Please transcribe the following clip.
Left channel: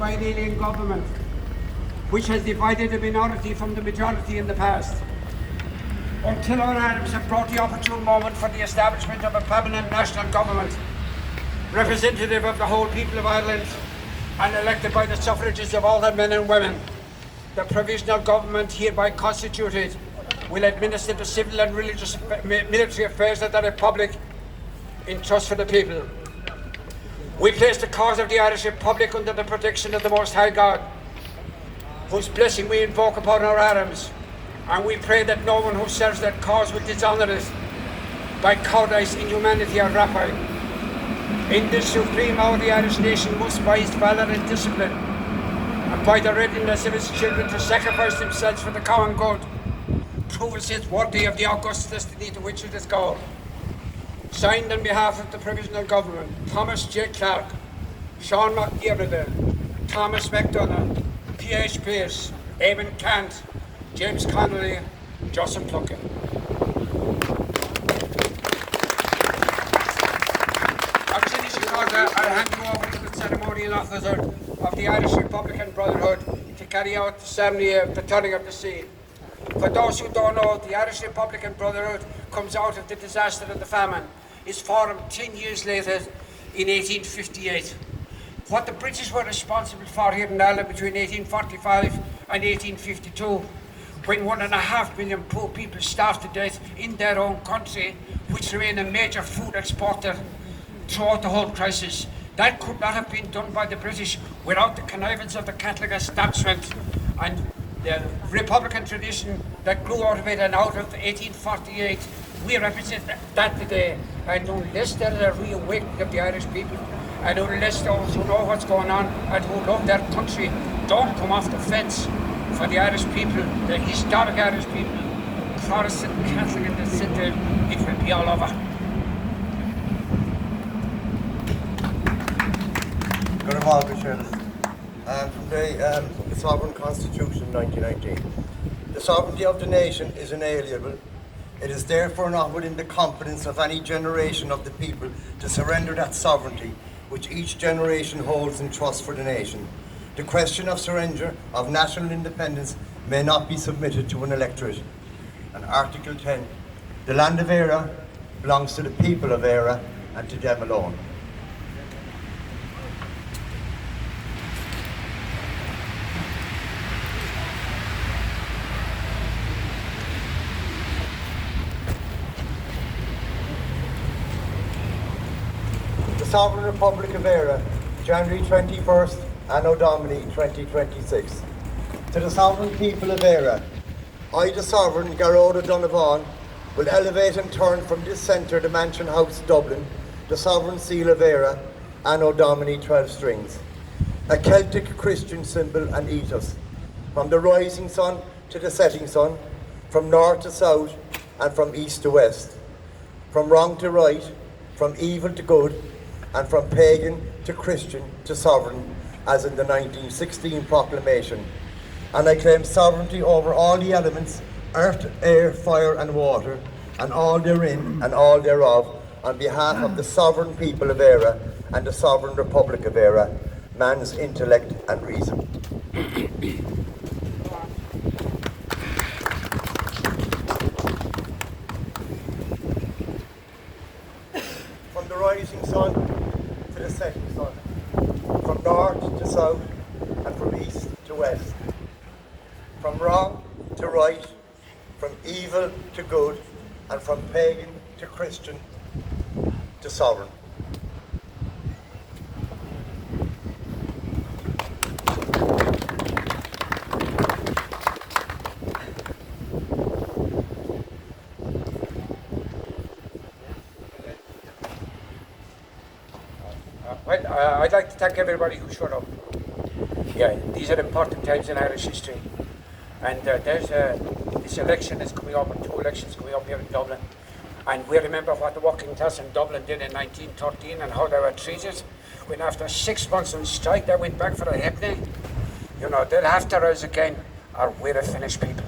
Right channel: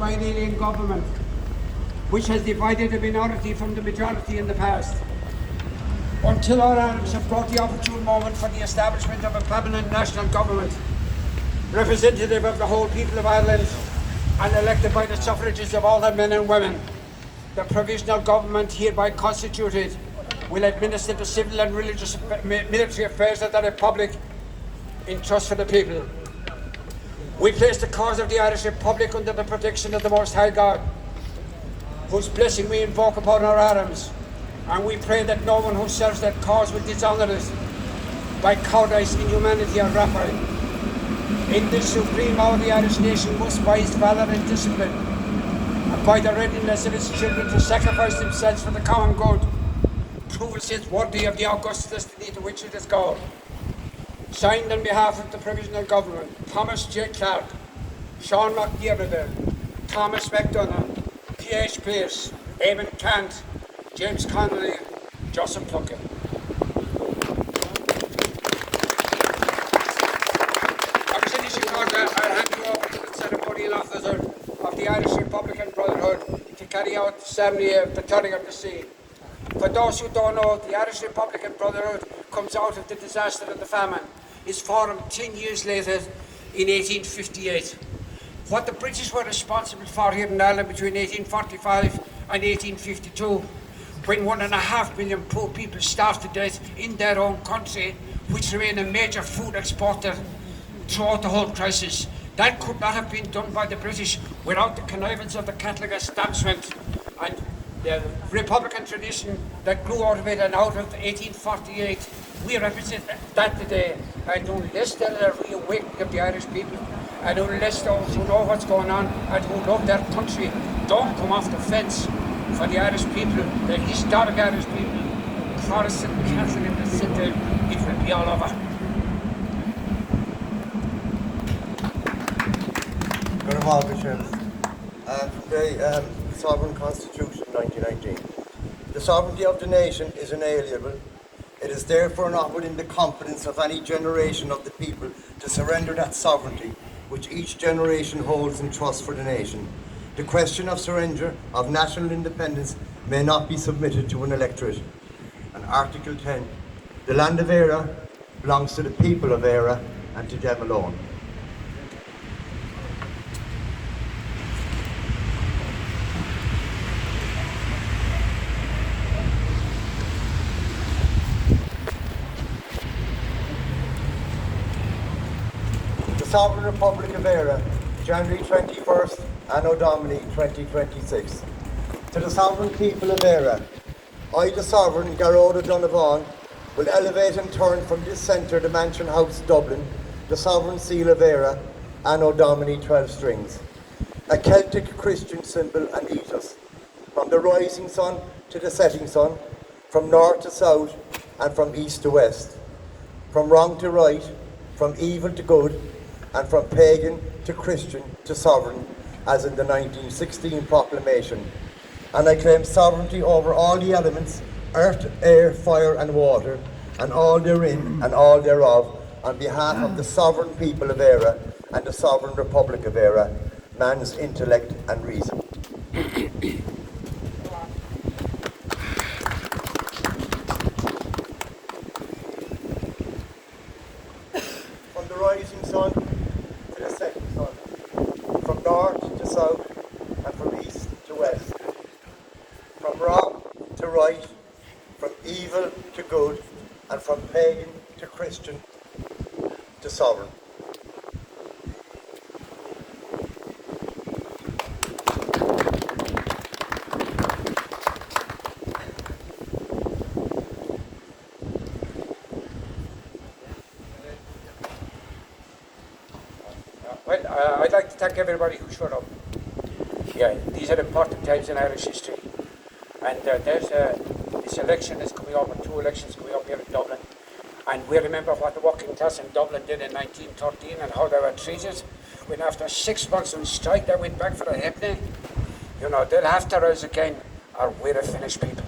by an alien government, which has divided the minority from the majority in the past. Until our Arabs have brought the opportune moment for the establishment of a permanent national government, representative of the whole people of Ireland and elected by the suffrages of all their men and women, the provisional government hereby constituted will administer the civil and religious military affairs of the Republic in trust for the people. We place the cause of the Irish Republic under the protection of the Most High God, whose blessing we invoke upon our arms, and we pray that no one who serves that cause will dishonour it by cowardice, inhumanity or rapine. In this supreme hour the Irish nation must by its valour and discipline, and by the readiness of its children to sacrifice themselves for the common good, prove itself worthy of the august destiny to which it is called. Signed on behalf of the Provisional Government, Thomas J. Clark, Sean McGibbon, Thomas McDonough, P.H. Pearce, Eamon Cant, James Connolly, Joseph Plunkett. Obviously, Chicago, I'll hand you over to the ceremonial officer of the Irish Republican Brotherhood to carry out the ceremony of the turning of the seal. For those who don't know, the Irish Republican Brotherhood comes out of the disaster of the famine. It's formed 10 years later in 1858. What the British were responsible for here in Ireland between 1845 and 1852, when 1.5 million poor people starved to death in their own country, which remained a major food exporter throughout the whole crisis. That could not have been done by the British without the connivance of the Catholic establishment and the Republican tradition that grew out of it, and out of 1848. We represent that today. And unless there is a reawakening of the Irish people, and unless those who know what's going on and who love their country don't come off the fence for the Irish people, the historic Irish people, Protestant, Catholic and the centre, it will be all over. Good morning, from the Sovereign Constitution 1919. The sovereignty of the nation is inalienable. It is therefore not within the competence of any generation of the people to surrender that sovereignty which each generation holds in trust for the nation. The question of surrender of national independence may not be submitted to an electorate. And Article 10, the land of Éire belongs to the people of Éire and to them alone. Sovereign Republic of Éire, January 21st, Anno Domini 2026. To the sovereign people of Éire, I, the Sovereign Garrod Donovan, will elevate and turn from this centre, the Mansion House, Dublin, the Sovereign Seal of Éire, Anno Domini 12 strings, a Celtic Christian symbol and ethos, from the rising sun to the setting sun, from north to south, and from east to west, from wrong to right, from evil to good, and from pagan to Christian to sovereign, as in the 1916 proclamation. And I claim sovereignty over all the elements, earth, air, fire and water, and all therein and all thereof, on behalf of the sovereign people of Éire and the sovereign Republic of Éire, man's intellect and reason. From the rising sun to the setting sun, from north to south and from east to west, from wrong to right, from evil to good, and from pagan to Christian to sovereign. I'd like to thank everybody who showed up. Yeah, these are important times in Irish history. And this election is coming up, and 2 elections coming up here in Dublin. And we remember what the working class in Dublin did in 1913 and how they were treated. When after 6 months on strike, they went back for a happening. You know, they'll have to rise again, or we're a finished people.